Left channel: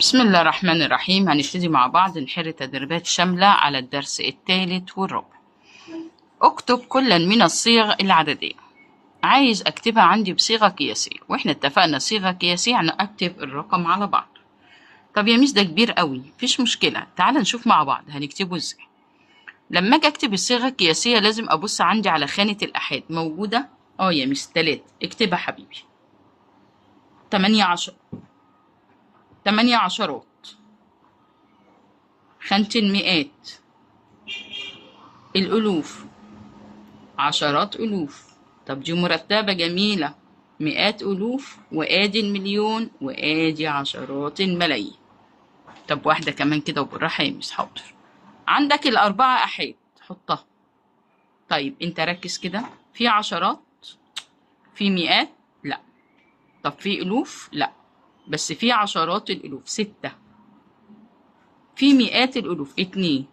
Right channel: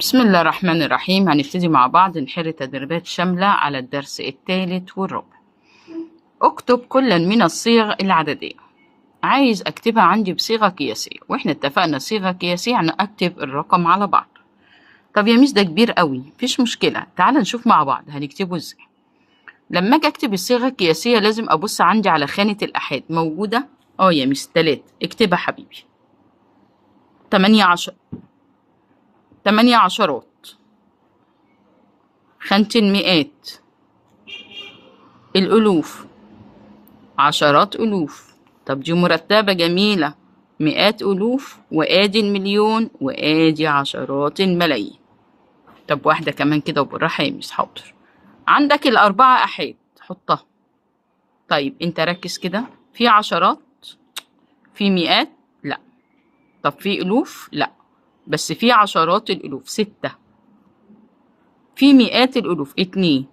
بسم الله الرحمن الرحيم. هنبتدي مع بعض نحل تدريبات شاملة على الدرس الثالث والرابع. اكتب كلا من الصيغ العددية. عايز اكتبها عندي بصيغة قياسية، واحنا اتفقنا صيغة قياسية يعني اكتب الرقم على بعض. طب يا ميس ده كبير قوي، مفيش مشكلة، تعال نشوف مع بعض هنكتبه ازاي. لما اجي اكتب الصيغة القياسية لازم ابص عندي على خانة الآحاد موجودة. يا ميس 3، اكتبها حبيبي. 18، 8 عشرات، خانة المئات، الألوف، عشرات ألوف. طب دي مرتبة جميلة، مئات ألوف، وآدي المليون، وآدي عشرات الملايين. طب واحدة كمان كده وبالراحة يا ميس. حاضر. عندك الأربعة أحاد حطها. طيب أنت ركز كده، في عشرات، في مئات لأ، طب في ألوف لأ، بس في عشرات الألوف 6، في مئات الألوف 2،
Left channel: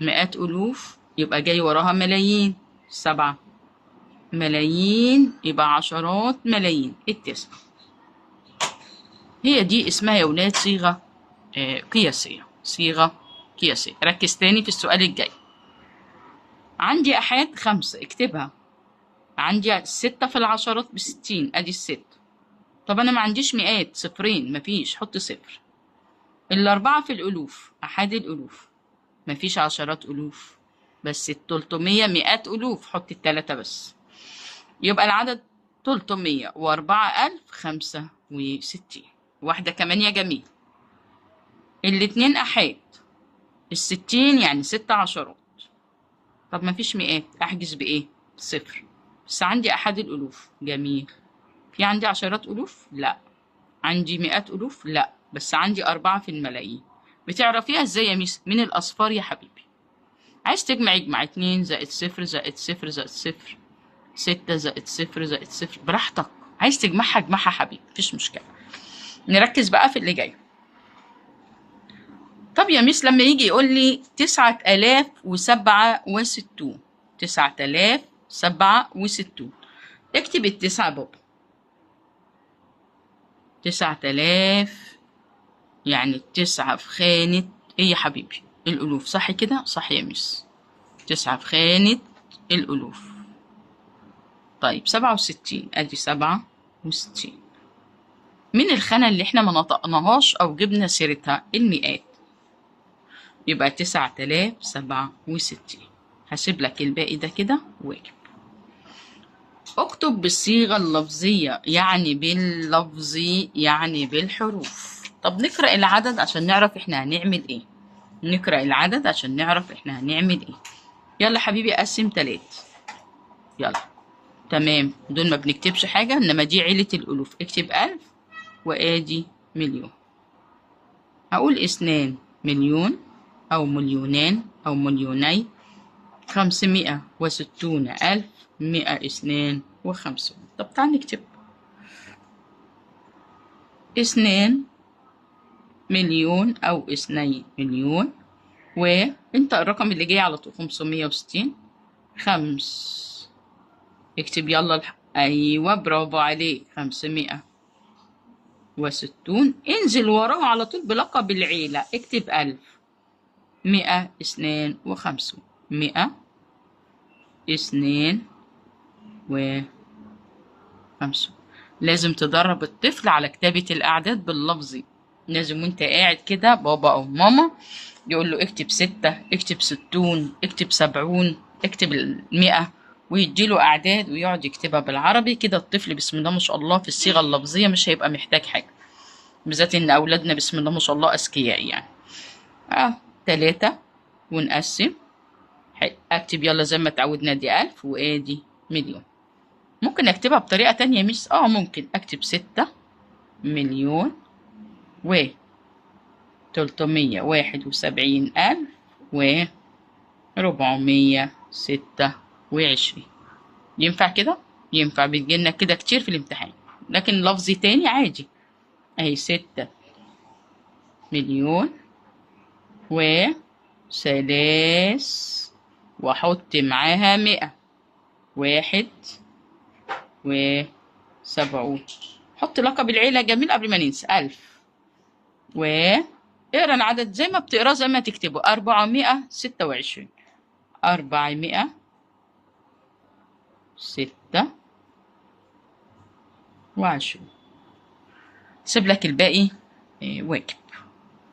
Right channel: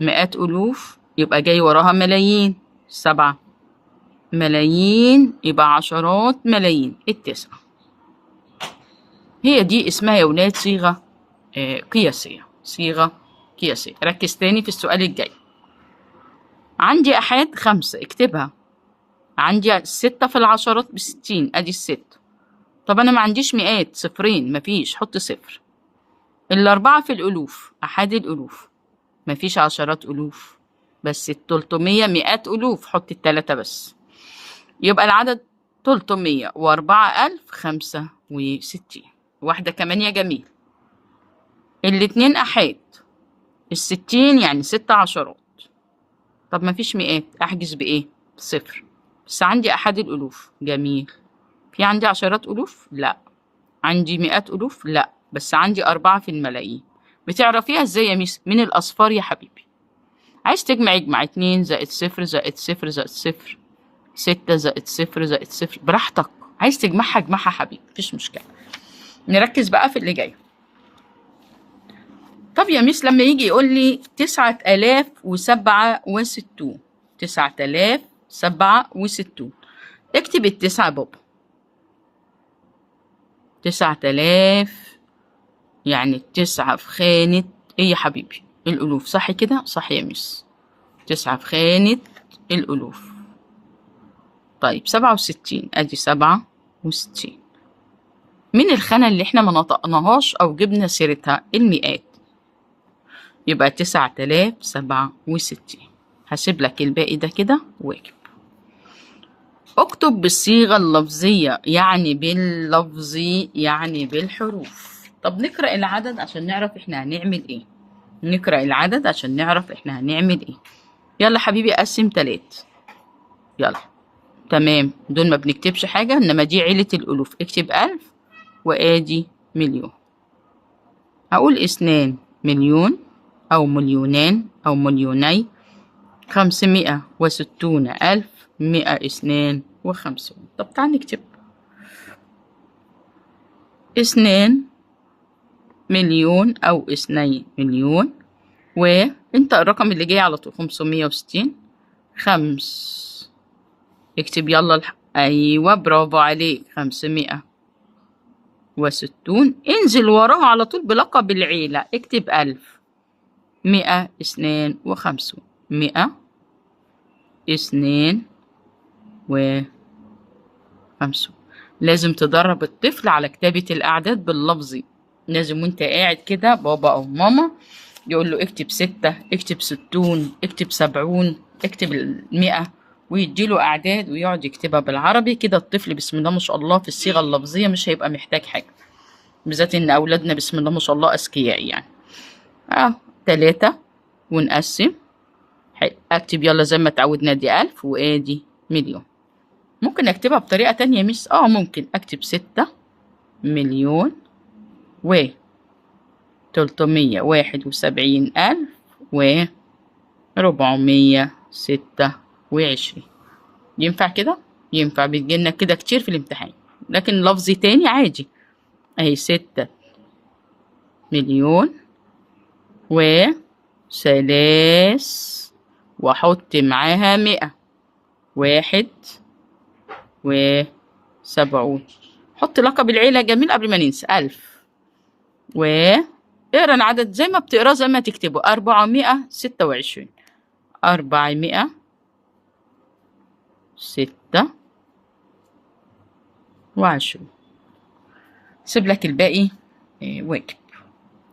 مئات ألوف يبقى جاي وراها ملايين 7، ملايين يبقى عشرات ملايين 9. هي دي اسمها يا ولاد صيغة قياسية، صيغة قياسية. ركز تاني في السؤال الجاي. عندي أحاد 5، اكتبها. عندي 6 في العشرات ب60، أدي ال6. طب أنا ما عنديش مئات، صفرين، مفيش، حط صفر. الأربعة في الألوف، أحاد الألوف، مفيش عشرات ألوف، بس ال300 مئات ألوف، حط ال3 بس. يبقى العدد 304,065. واحدة كمان يا جميل. الاتنين أحاد، ال60 يعني 6 عشرات. طب مفيش مئات، أحجز بإيه؟ صفر. بس عندي أحد الألوف، جميل. في عندي عشرات ألوف؟ لأ. عندي مئات ألوف؟ لأ، بس عندي 4 في الملايين. بتعرفيها إزاي يا ميس؟ من الأصفار يا حبيبي. عايز تجمع اجمع، 2 زائد 0 زائد 0 زائد 0، 6 زائد 0 زائد 0، براحتك. عايز تجمعها اجمعها حبيبي، مفيش مشكلة. نركز بقى في اللي جاي. طب يا ميس لما يجي يقول لي 9067، 9067، اكتب ال9 بابا. 9000 يعني ال9 في خانة ايه يا حبيبي؟ الألوف، صح كده؟ صح يا ميس، 9 في خانة الألوف. طيب 67، ادي 67. من الخانة اللي احنا ما نطقناهاش أو جبنا سيرتها؟ المئات. يبقى 9067. هسيب لك الباقي ده كده واجب. اكتب بالصيغة اللفظية، يعني باللفظي يعني بالحروف. طب نقرأ العدد عشان نعرف احنا هنعمل ايه. نقرأ العدد عشان نعرف احنا هنعمل ايه. يلا حبيبي قسم 3. يلا تمام، دول ما بنكتبش حاجة، انما دي عيلة الألوف. اكتب 1000 وادي مليون. هقول 2 مليون أو مليونان أو مليوني، 560,152. طب تعال نكتب 2 مليون أو 2 مليون، وانت الرقم اللي جاي على طول 560. اكتب يلا أيوة برافو عليك، 560. انزل وراه على طول بلقب العيلة، اكتب 1000. 152، 152. لازم تدرب الطفل على كتابة الأعداد باللفظي. لازم وانت قاعد كده بابا أو ماما يقول له اكتب 6، اكتب 60، اكتب 70، اكتب 100، ويديله أعداد ويقعد يكتبها بالعربي كده. الطفل بسم الله ما شاء الله في الصيغة اللفظية مش هيبقى محتاج حاجة، بالذات إن أولادنا بسم الله ما شاء الله أذكياء يعني. 3 ونقسم. اكتب يلا زي ما اتعودنا، دي 1000 وادي مليون. ممكن اكتبها بطريقة تانية يا ميس؟ ممكن اكتب 6 مليون و 371,426. ينفع كده؟ ينفع، بتجيلنا كده كتير في الامتحان. لكن لفظي تاني عادي، اهي 6 مليون وثلاث، واحط معاها 100، 71. حط لقب العيلة جميل قبل ما ننسى، 1000. اقرا العدد زي ما بتقراه زي ما تكتبه. 426. 426. سيب لك الباقي واجب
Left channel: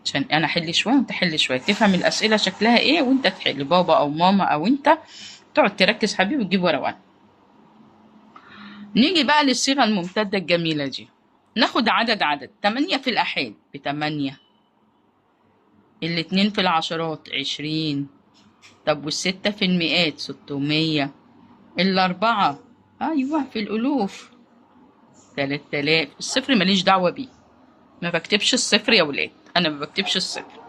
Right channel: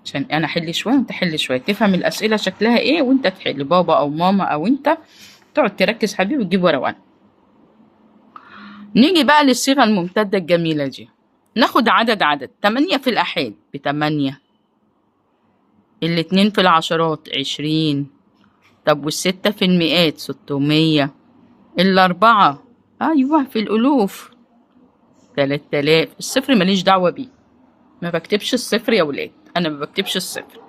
عشان انا احل شويه وانت حل شويه، تفهم الاسئله شكلها ايه وانت تحل، بابا او ماما او انت تقعد تركز حبيبي وتجيب ورقه وقلم. نيجي بقى للصيغه الممتده الجميله دي. ناخد عدد 8 في الآحاد ب8، الاتنين في العشرات 20، طب والستة في المئات 600، الأربعة أيوه في الألوف 3000. الصفر ماليش دعوة بيه، ما بكتبش الصفر يا ولاد، أنا ما بكتبش الصفر.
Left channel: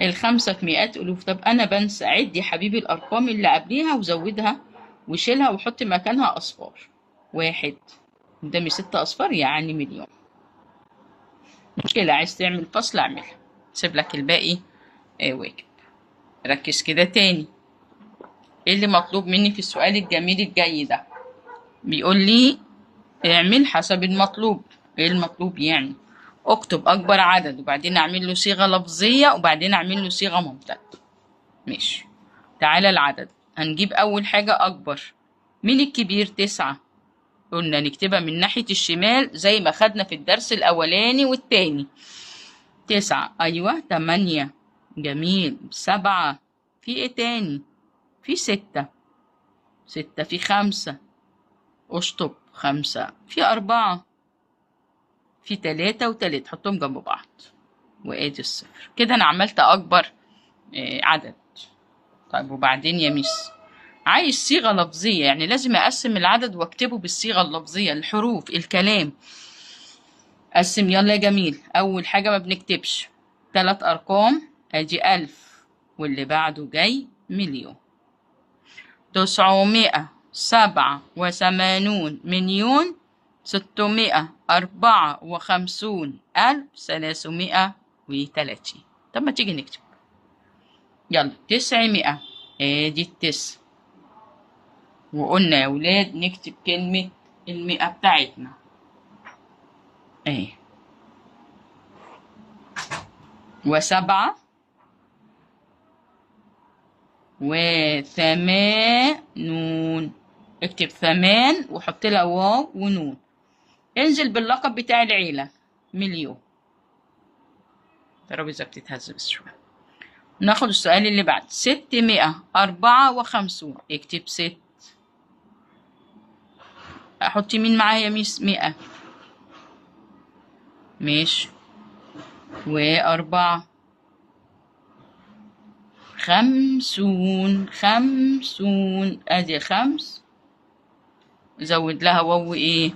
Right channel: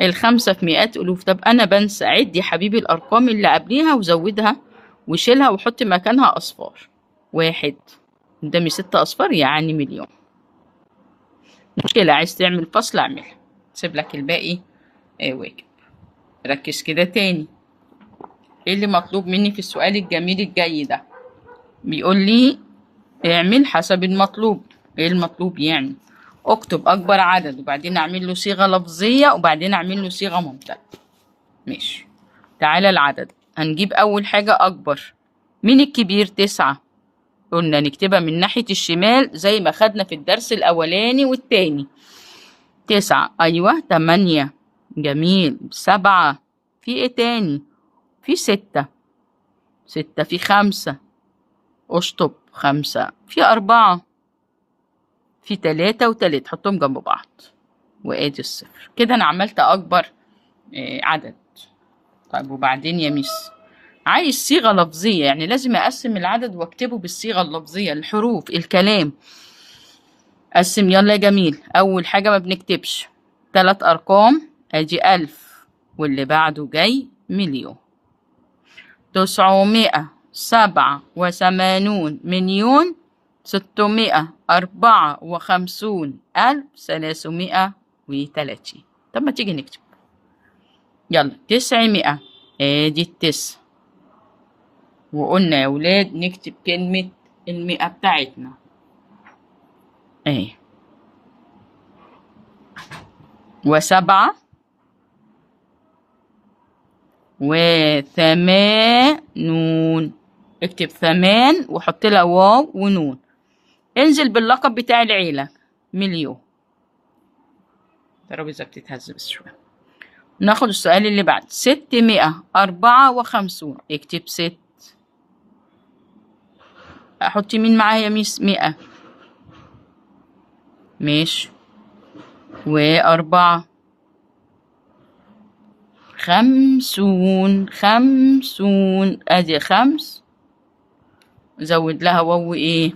الخمسة في مئات ألوف. طب أنا بنسى، عد يا حبيبي الأرقام اللي قبليها وزودها وشيلها وحط مكانها أصفار. 1 قدامي 6 أصفار يعني مليون. مشكلة، عايز تعمل فصل اعملها، سيب لك الباقي واجب. ركز كده تاني، ايه اللي مطلوب مني في السؤال الجميل الجاي ده؟ بيقول لي اعمل حسب المطلوب. ايه المطلوب يعني؟ اكتب اكبر عدد وبعدين اعمل له صيغة لفظية وبعدين اعمل له صيغة ممتدة. ماشي، تعالى العدد. هنجيب اول حاجة اكبر. مين الكبير؟ 9. قلنا نكتبها من ناحية الشمال زي ما خدنا في الدرس الاولاني والتاني. 9 ايوه. 8 جميل. 7 في ايه تاني؟ في 6. 6 في 5 اشطب. 5 في 4 في 3 و3 حطهم جنب بعض وادي الصفر. كده انا عملت اكبر عدد. طيب وبعدين يا ميس عايز صيغة لفظية، يعني لازم اقسم العدد واكتبه بالصيغة اللفظية، الحروف الكلام. قسم يلا يا جميل. اول حاجة ما بنكتبش 3 ارقام، ادي 1000 واللي بعده جاي مليون. 987 مليون 654,330. طب ما تيجي نكتب يلا. 900 ادي التسع، وقلنا يا ولاد نكتب كلمة المئة بتاعتنا اهي. 7 و8. اكتب 8 وحط لها واو ونون. انزل باللقب بتاع العيلة مليون. الترابيزة بتتهز بس شوية. ناخد السؤال اللي بعد. 654. اكتب 6. احط مين معايا يا ميس؟ 100. ماشي. و4 50. ادي 5 زود لها واو ايه؟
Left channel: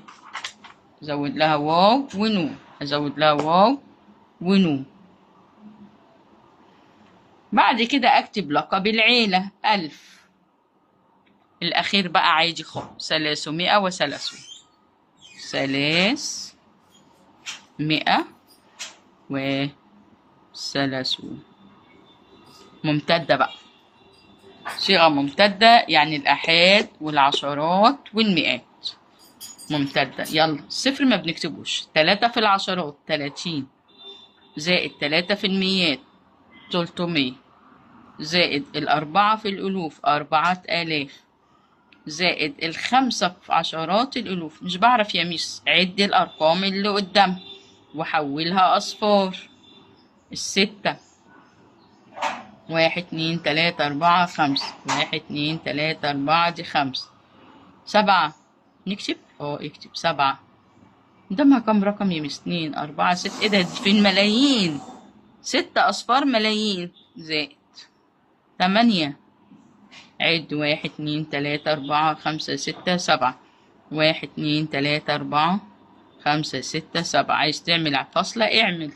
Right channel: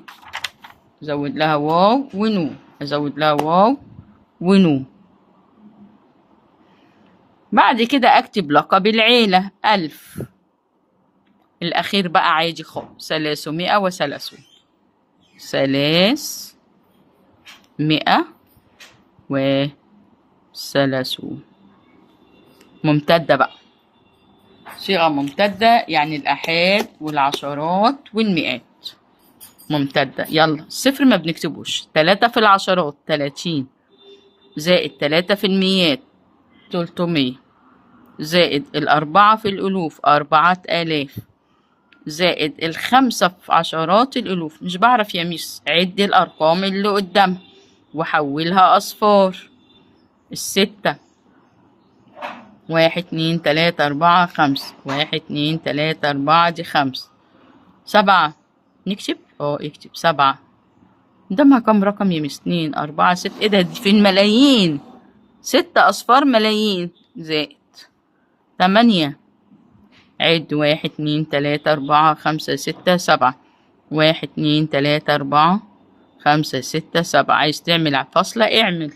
زود لها واو ونون. ازود لها واو ونون. بعد كده اكتب لقب العيلة 1000. الاخير بقى عادي خالص 330. 330. ممتدة بقى، صيغة ممتدة يعني الآحاد والعشرات والمئات ممتدة. يلا الصفر ما بنكتبوش. 3 في العشرات 30 زائد 3 في المئات 300 زائد 4 في الألوف 4000 زائد 5 في عشرات الألوف. مش بعرف يا ميس، عد الأرقام اللي قدامها وحولها أصفار. 6 1 2 3 4 5 1 2 3 4 دي 5. 7 نكتب اكتب 7 قدامها كم رقم يا مس؟ 2 4 6. ايه ده؟ دي في الملايين، 6 أصفار ملايين. زائد 8 عد 1 2 3 4 5 6 7 1 2 3 4 5 6 7. عايز تعمل فاصلة اعمل.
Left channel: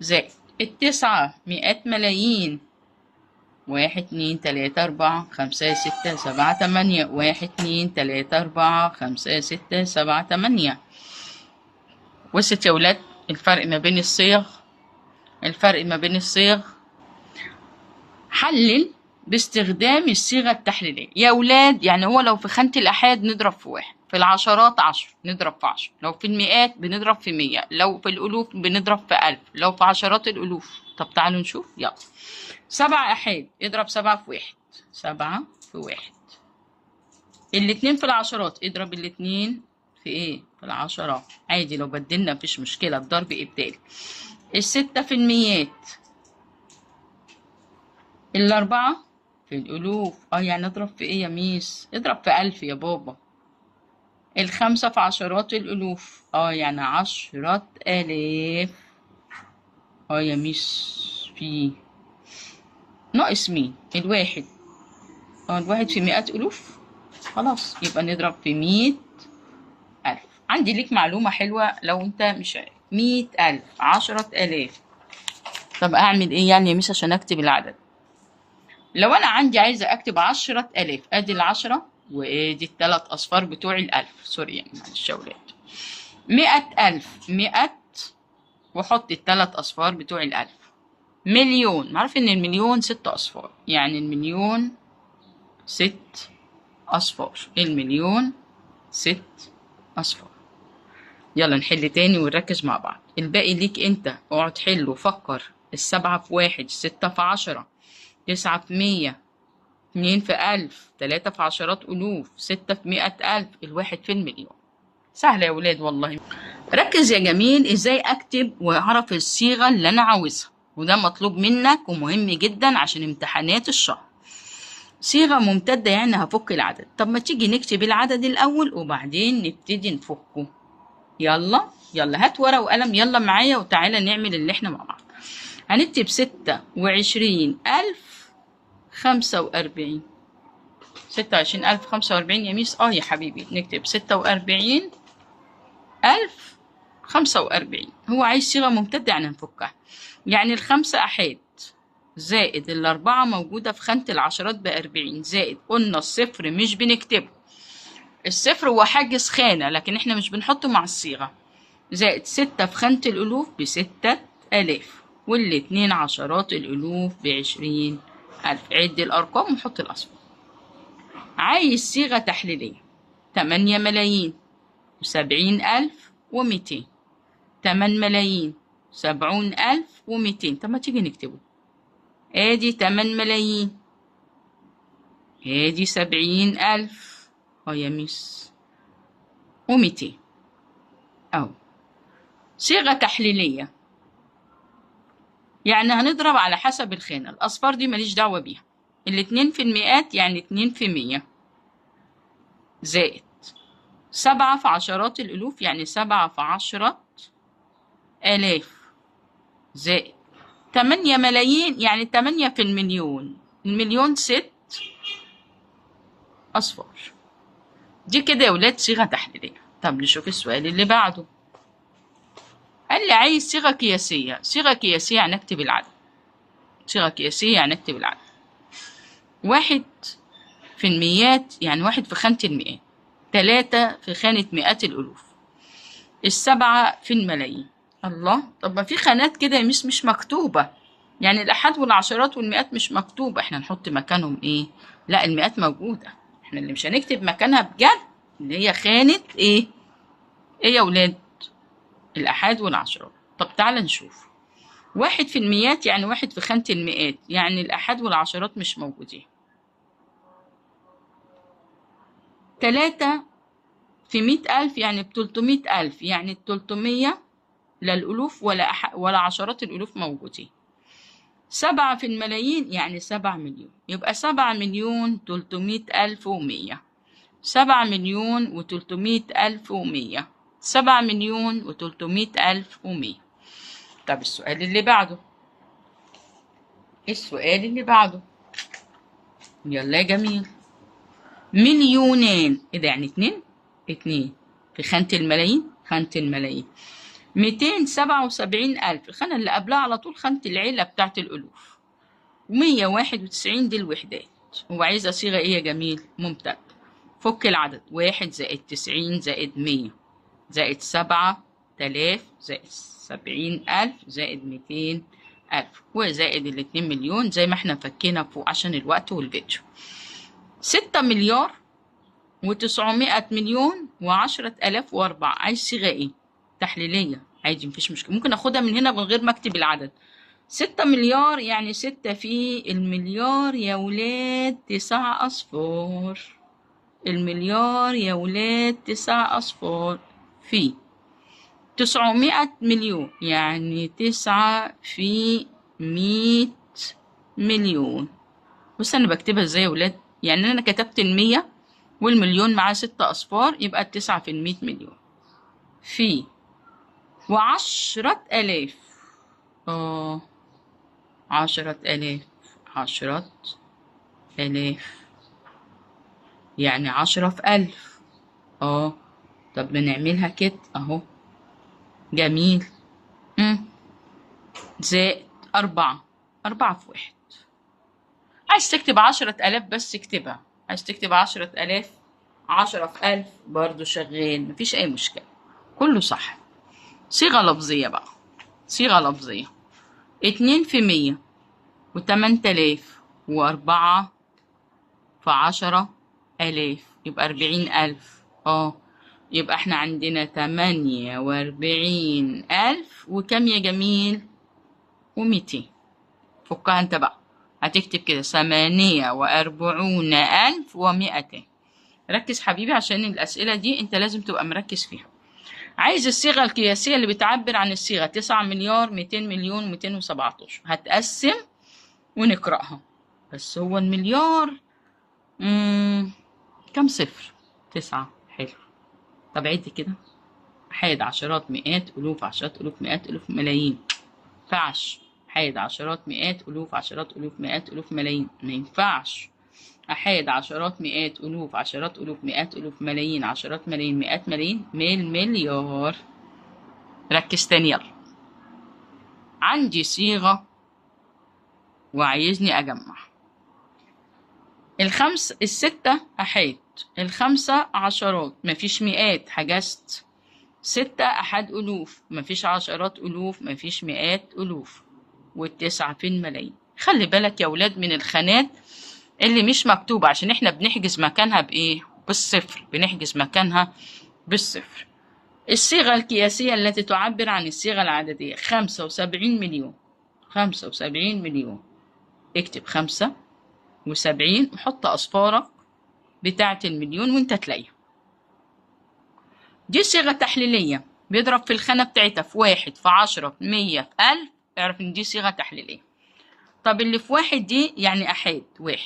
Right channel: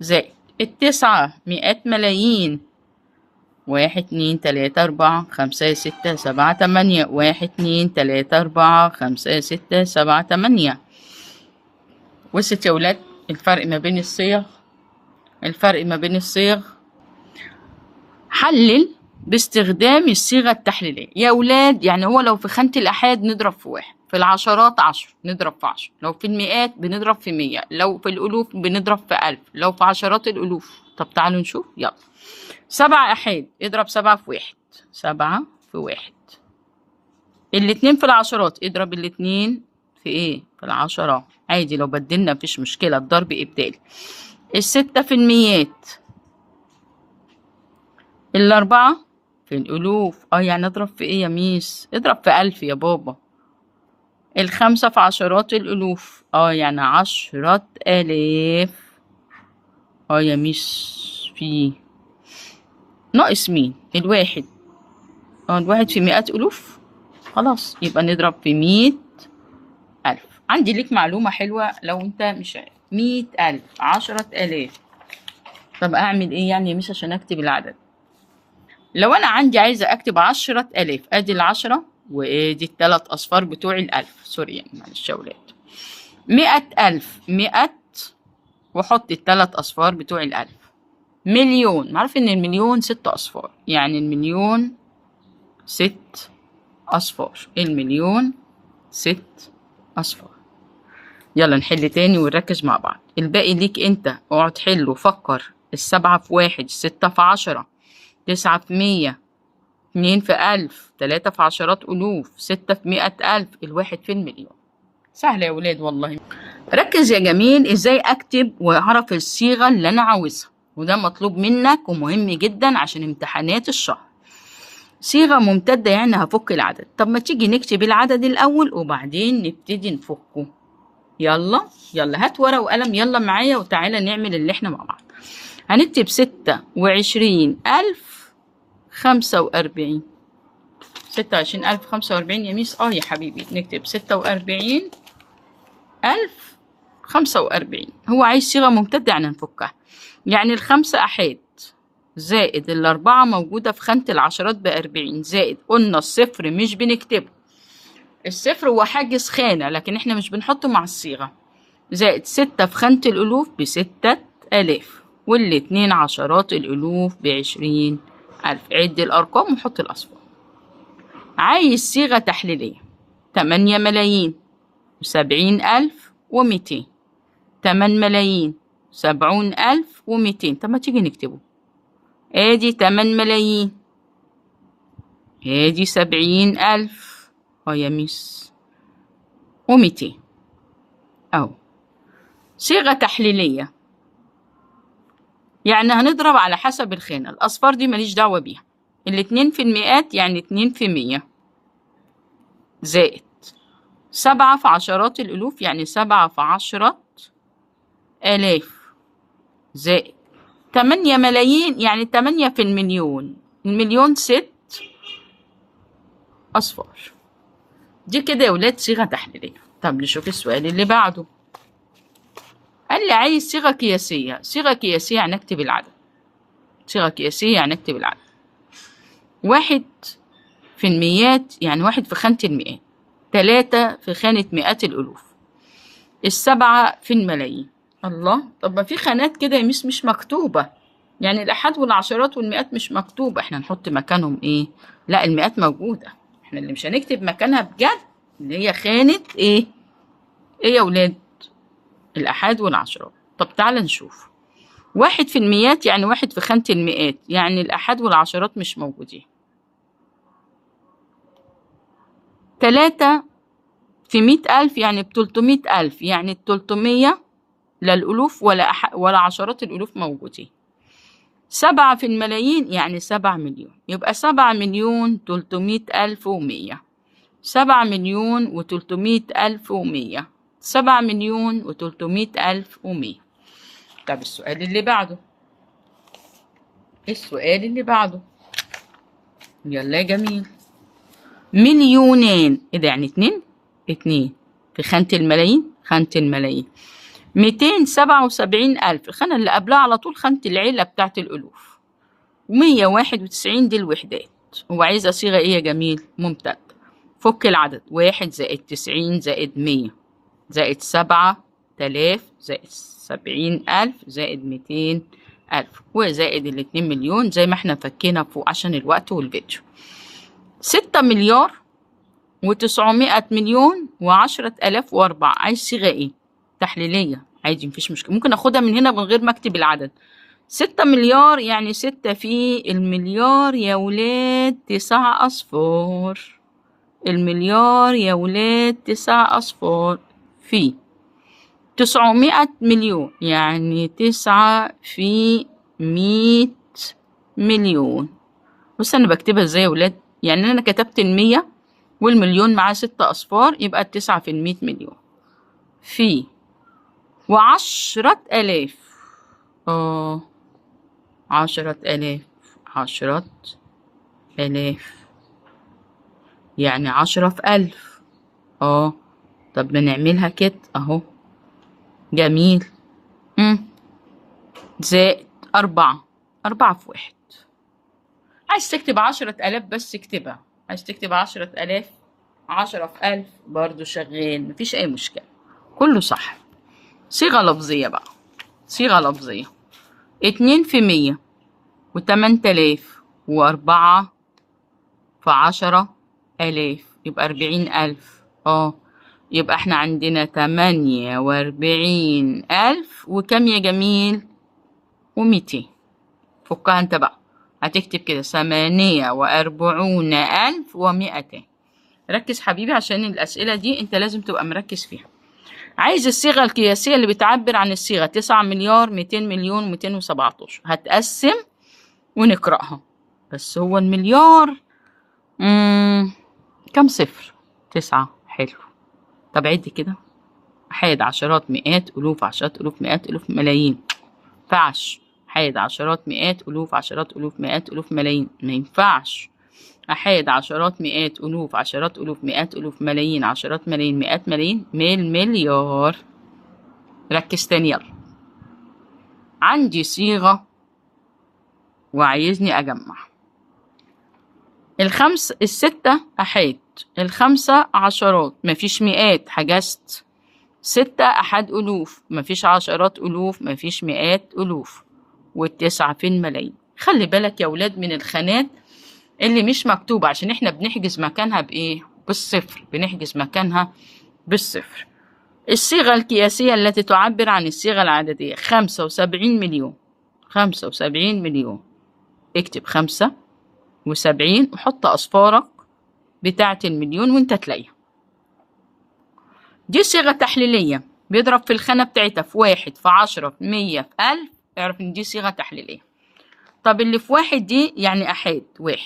زائد 9 مئات ملايين. 1 2 3 4 5 6 7 8 1 2 3 4 5 6 7 8. وصلت يا ولاد الفرق ما بين الصيغ؟ الفرق ما بين الصيغ. حلل باستخدام الصيغة التحليلية يا ولاد. يعني هو لو في خانة الآحاد نضرب في 1، في العشرات 10 نضرب في 10، لو في المئات بنضرب في 100، لو في الألوف بنضرب في 1000، لو في عشرات الألوف. طب تعالوا نشوف يلا. 7 أحاد اضرب 7 في 1، 7 في 1. الاتنين في العشرات اضرب الاتنين في ايه؟ في العشرات عادي، لو بدلنا مفيش مشكلة، الضرب إبدالي. الستة في الميات، الأربعة في الألوف. يعني اضرب في ايه يا ميس؟ اضرب في 1000 يا بابا. الخمسة في عشرات الألوف، يعني 10,000. يا ميس في ناقص مين؟ الواحد. الواحد في 100,000. خلاص يبقى نضرب في 100,000. عندي ليك معلومة حلوة لو انت مش عارف. 100,000، 10,000. طب اعمل ايه يعني يا ميس عشان اكتب العدد؟ لو انا عندي عايزة اكتب 10,000، ادي 10 وادي ال3 اصفار بتوع ال1000. سوري يعني، معلش يا ولاد. 100,000، 100 واحط ال3 اصفار بتوع ال1000. مليون، معروف ان المليون 6 اصفار، يعني المليون 6 اصفار. المليون 6 اصفار. يلا نحل تاني ونركز مع بعض. الباقي ليك انت، اقعد حل وفكر. 7 في 1، 6 في 10، 9 في 100، 2 في 1000، 3 في عشرات ألوف، 6 في 100,000، الواحد في المليون. سهلة يا ولاد والله. ركز يا جميل ازاي اكتب واعرف الصيغة اللي انا عاوزها، وده مطلوب منك ومهم جدا عشان امتحانات الشهر. صيغة ممتدة يعني هفك العدد. طب ما تيجي نكتب العدد الأول وبعدين نبتدي نفكه. يلا يلا هات ورقة وقلم، يلا معايا وتعالى نعمل اللي احنا مع بعض. هنكتب 26,045. 26,045 يا ميس. يا حبيبي نكتب 46,045. هو عايز صيغة ممتدة يعني نفكها. يعني الخمسة أحاد زائد الأربعة موجودة في خانة العشرات ب40، زائد قلنا الصفر مش بنكتبه، الصفر هو حاجز خانة لكن احنا مش بنحطه مع الصيغة، زائد 6 في خانة الألوف ب6,000، والاتنين عشرات الألوف ب20,000. عد الأرقام وحط الأصفار. عايز صيغة تحليلية. 8,070,200. 8,070,200. طب ما تيجي نكتبه. ادي 8,000,000، ادي 70,000 يا ميس، و200 اهو. صيغة تحليلية يعني هنضرب على حسب الخانة. الأصفار دي ماليش دعوة بيها. الاتنين في المئات يعني 2 في 100، زائد 7 في عشرات الألوف يعني 7 في 10,000، زائد 8,000,000 يعني 8 في المليون. المليون 6 أصفار. دي كده يا ولاد صيغة تحليلية. طب نشوف السؤال اللي بعده. قال لي عايز صيغة قياسية. صيغة قياسية يعني نكتب العدد. صيغة قياسية يعني نكتب العدد. 1 في الميات يعني 1 في خانة المئات، 3 في خانة مئات الألوف، 7 في الملايين. الله، طب ما في خانات كده يا ميس مش مكتوبة، يعني الأحاد والعشرات والمئات مش مكتوبة، احنا نحط مكانهم ايه؟ لا المئات موجودة، احنا اللي مش هنكتب مكانها بجد اللي هي خانة ايه؟ ايه يا ولاد؟ الأحاد والعشرات. طب تعالى نشوف. 1 في الميات يعني 1 في خانة المئات، يعني الأحاد والعشرات مش موجودين. 3 في 100,000 يعني ب300,000، يعني ال300 لا الألوف ولا عشرات الألوف موجودين. 7 في الملايين يعني 7 مليون، يبقى 7,300,100. 7,300,100. 7,300,100. طب السؤال اللي بعده. السؤال اللي بعده يلا يا جميل. مليونين، ايه ده يعني 2 في خانة الملايين. خانة الملايين 277,000، الخانة اللي قبلها على طول خانة العيلة بتاعت الألوف. 191 دي الوحدات. هو عايزة صيغة ايه يا جميل؟ ممتد. فك العدد. 1 زائد 90 زائد 100 زائد 7,000 زائد 70,000 زائد 200,000 وزائد 2 مليون زي ما احنا فكينا فوق عشان الوقت والفيديو. 6 مليار و900 مليون و10,000 و4. عايز صيغة ايه؟ تحليلية عادي مفيش مشكلة، ممكن اخدها من هنا من غير ما اكتب العدد. 6 مليار يعني 6 في المليار يا ولاد 9 أصفار. المليار يا ولاد 9 أصفار في 900 مليون يعني 9 في 100 مليون. بص أنا بكتبها ازاي يا ولاد؟ يعني أنا كتبت 100 والمليون معاه 6 أصفار، يبقى 9 في 100 مليون في 10,000. 10,000 10,000 يعني 10 في 1000. طب بنعملها كده اهو. جميل. زائد 4 في 1. عايز تكتب 10,000 بس اكتبها، عايز تكتب 10,000 10 في 1000 برضو شغال، مفيش أي مشكلة، كله صح. صيغة لفظية بقى، صيغة لفظية. 2 في 100 و8,000 و4 في 10,000 يبقى 40,000. يبقى احنا عندنا 48,000 وكم يا جميل؟ و200. فكها انت بقى، هتكتب كده 48,200. ركز حبيبي عشان الأسئلة دي انت لازم تبقى مركز فيها. عايز الصيغة القياسية اللي بتعبر عن الصيغة. 9 مليار 200 مليون 217. هتقسم ونقرأها. بس هو المليار كم صفر؟ 9. حلو. طب عد كده. أحاد عشرات مئات ألوف عشرات ألوف مئات ألوف ملايين. مينفعش. أحاد عشرات مئات ألوف عشرات ألوف مئات ألوف ملايين. مينفعش. أحاد عشرات مئات ألوف عشرات ألوف مئات ألوف ملايين عشرات ملايين مئات ملايين مليار. ركز تاني يلا. عندي صيغة وعايزني أجمع. الستة أحاد، الخمسة عشرات مفيش مئات حجزت. 6 أحاد ألوف مفيش عشرات ألوف مفيش مئات ألوف، والتسعة في الملايين. خلي بالك يا ولاد من الخانات اللي مش مكتوبة عشان احنا بنحجز مكانها بإيه؟ بالصفر. بنحجز مكانها بالصفر. الصيغة القياسية التي تعبر عن الصيغة العددية. 75 مليون. 75 مليون. اكتب 75 وحط أصفارك بتاعة المليون وانت تلاقيها. دي صيغة تحليلية، بيضرب في الخانة بتاعتها في 1 في 10 في 100 في 1000. اعرف ان دي صيغة تحليلية. طب اللي في 1 دي يعني أحاد 1.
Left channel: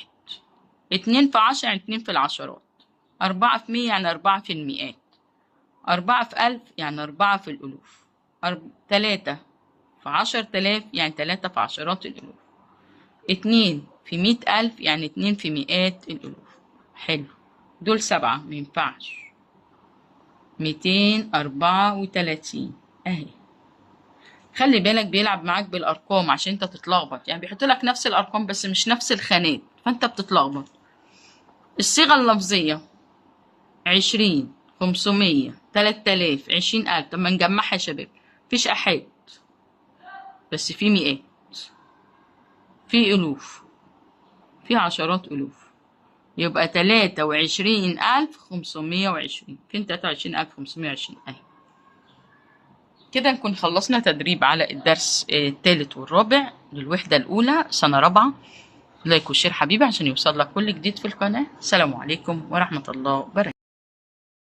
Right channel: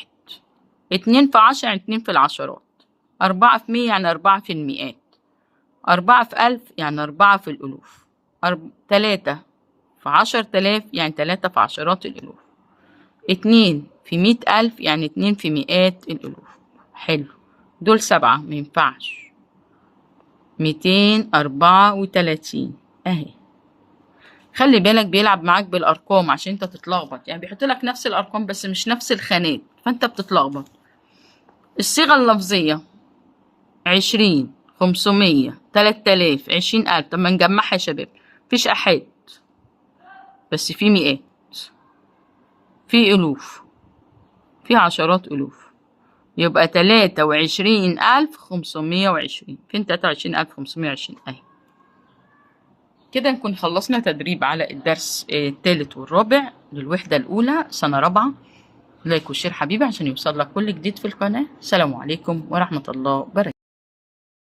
2 في 10 يعني 2 في العشرات. 4 في 100 يعني 4 في المئات. 4 في 1000 يعني 4 في الألوف. 3 في 10,000 يعني 3 في عشرات الألوف. 2 في 100,000 يعني 2 في مئات الألوف. حلو. دول 7 مينفعش. 234 اهي. خلي بالك بيلعب معاك بالارقام عشان انت تتلخبط، يعني بيحط لك نفس الارقام بس مش نفس الخانات فانت بتتلخبط. الصيغه اللفظيه 20 500 3000 20,000. طب ما نجمعها يا شباب. مفيش احاد بس في مئات، في الوف، في عشرات الوف، يبقى 23,520. فين 23,520 اهي. كده نكون خلصنا تدريب على الدرس الثالث والرابع للوحدة الأولى سنة رابعة. لايك وشير حبيبي عشان يوصل لك كل جديد في القناة. السلام عليكم ورحمة الله وبركاته.